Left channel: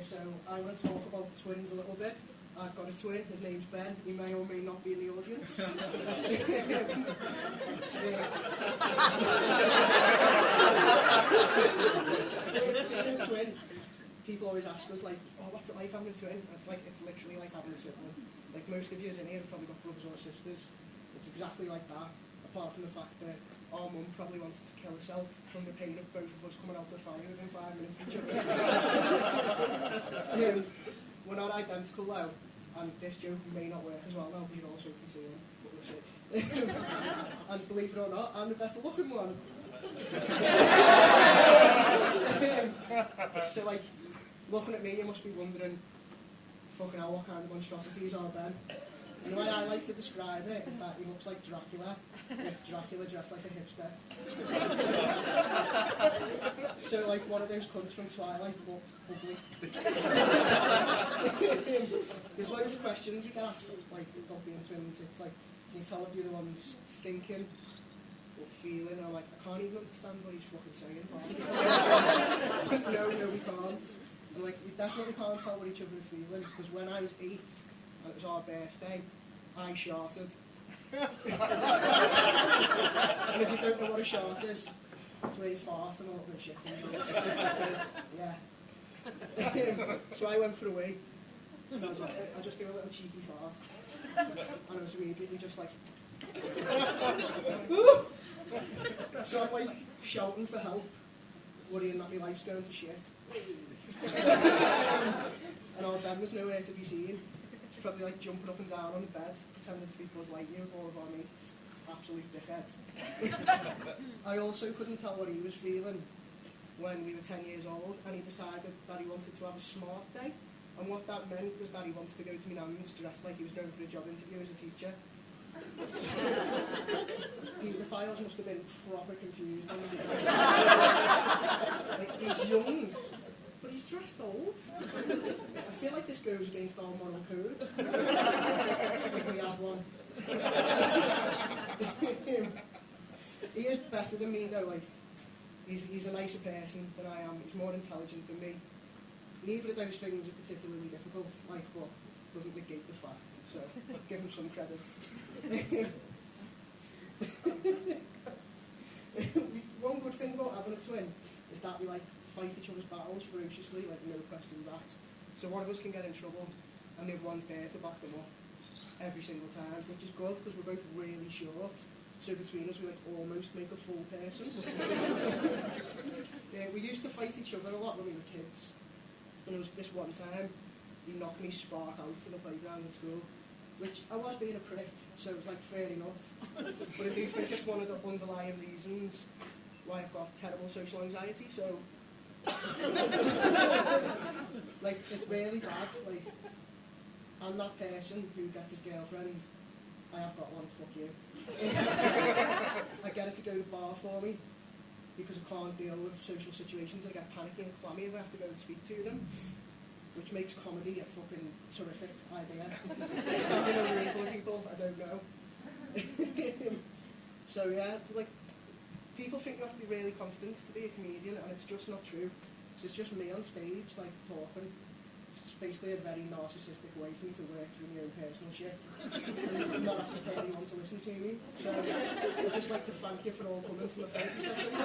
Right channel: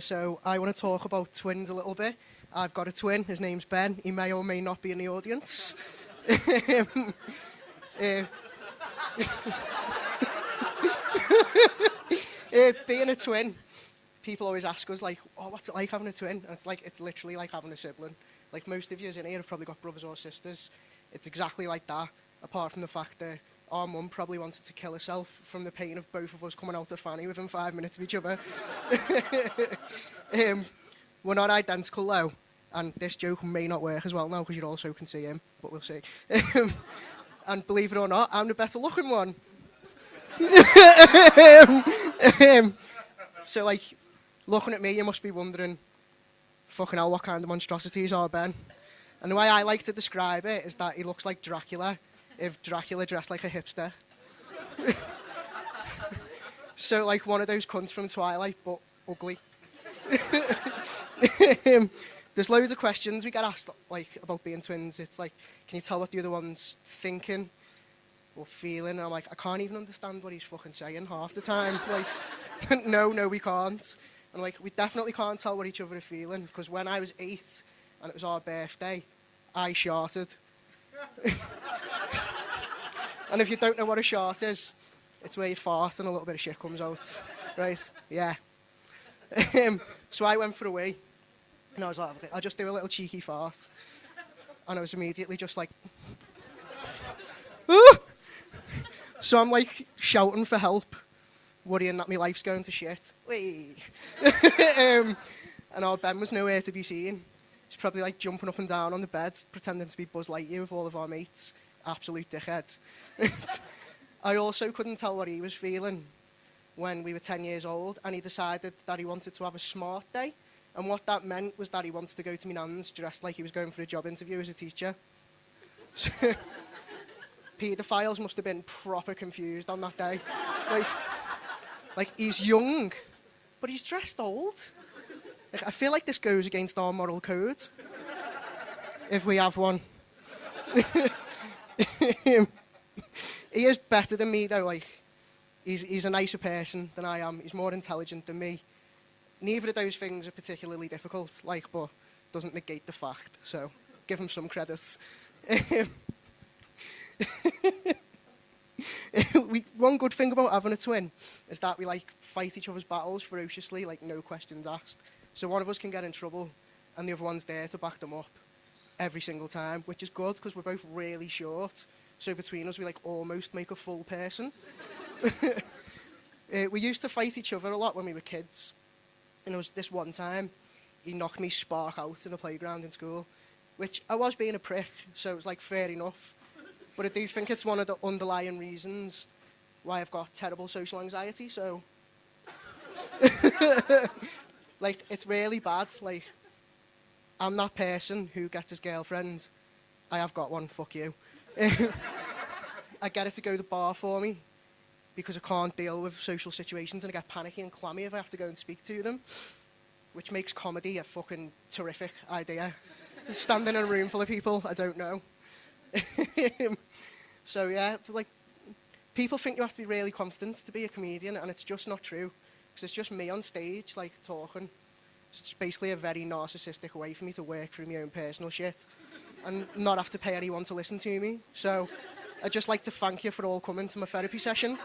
So I want to talk about twins a little bit. I've got a twin, his name's Ben. He may or may not be in the audience. Being a twin, people always ask us, like, oh, what's it like having a twin? And it's like, it's literally like having a sibling. Like, most of you in here have probably got brothers or sisters. It's exactly like that, apart from the fact that our mum probably wanted to kill herself from the pain of both of us coming out of fanny within 5 minutes of each other. We're not identical, though, and this joke may not work as well now because you also can see him, but we'll see. And believe it or not, I'm the better looking one. So, like, looking at me, you must be wondering, fucking hell, what kind of monstrosities are Ben? And the way I like to describe it is that he looks like Dracula, if Dracula dressed like a hipster. So, like, one of those cunts from Twilight, but ugly. There's loads of questions we get asked, like, about being twins. It's like, can you tell what the other one's thinking or feeling? And I'm like, I can't even understand what he's fucking saying half the time. No, we can't. And, like, we definitely can't tell what each other are feeling, because when I was 8 and it was our birthday, I sharted. And if you don't know what a shart is, it's where you fart and a little bit of shit comes out. Right? Yeah. So I went for a wee, and I was like, I'll just do a little cheeky fart. And I was immediately just like, ooh! So I'm like shouting for help, worrying that my life's going to shit. Whee! And our Ben was nowhere to be seen. He's probably like jumping up and down on the bed, pretending to be Buzz Lightyear with all of our mates. Absolute dickhead. I also couldn't tell what he was feeling when we were 10 years old, and he decided that he wanted to have a smart day. And what that meant was that he wanted to go to my nan's dressed like he was going for a job interview as a teacher. Paedophiles must have been proper confused on that day. Like, he's young, but he's dressed old. Like, I feel like this goes against our moral code, if we have one. He is better than me, though. Like, he's a nicer person than I am. He's more intelligent than me. Neither of those things are particularly difficult, like, but doesn't negate the fact. So, give him some credit. One good thing about having a twin is that we, like, fight each other's battles ferociously, like, no questions asked. So one of us can get in trouble, and the other one's there to back them up every single time, which is good because we're both really short. So between us, we, like, almost make a full person. We used to fight each other a lot when we were kids. And there was this one time, he knocked me spark out to the playground in school, which I was being a prick, so it was, like, fair enough. But I do think it's one of the underlying reasons why I've got terrible social anxiety, so... Like, it's really bad. Like, I'm that person who gets his girlfriend. I have got one, fuck you. I get her to go to the bar for me because I can't deal with social situations, and I get panicky and clammy if I have to go and speak to them, which makes comedy a fucking terrific idea. Standing in a room full of people I don't know. So yeah, like, people think you have to be really confident to be a comedian, and it's just not true, because it's just me on stage, like, talking. It's basically a very narcissistic way for me to work through my own personal shit and not have to pay anyone to listen to me. So I'd just like to thank you for all coming to my therapy session.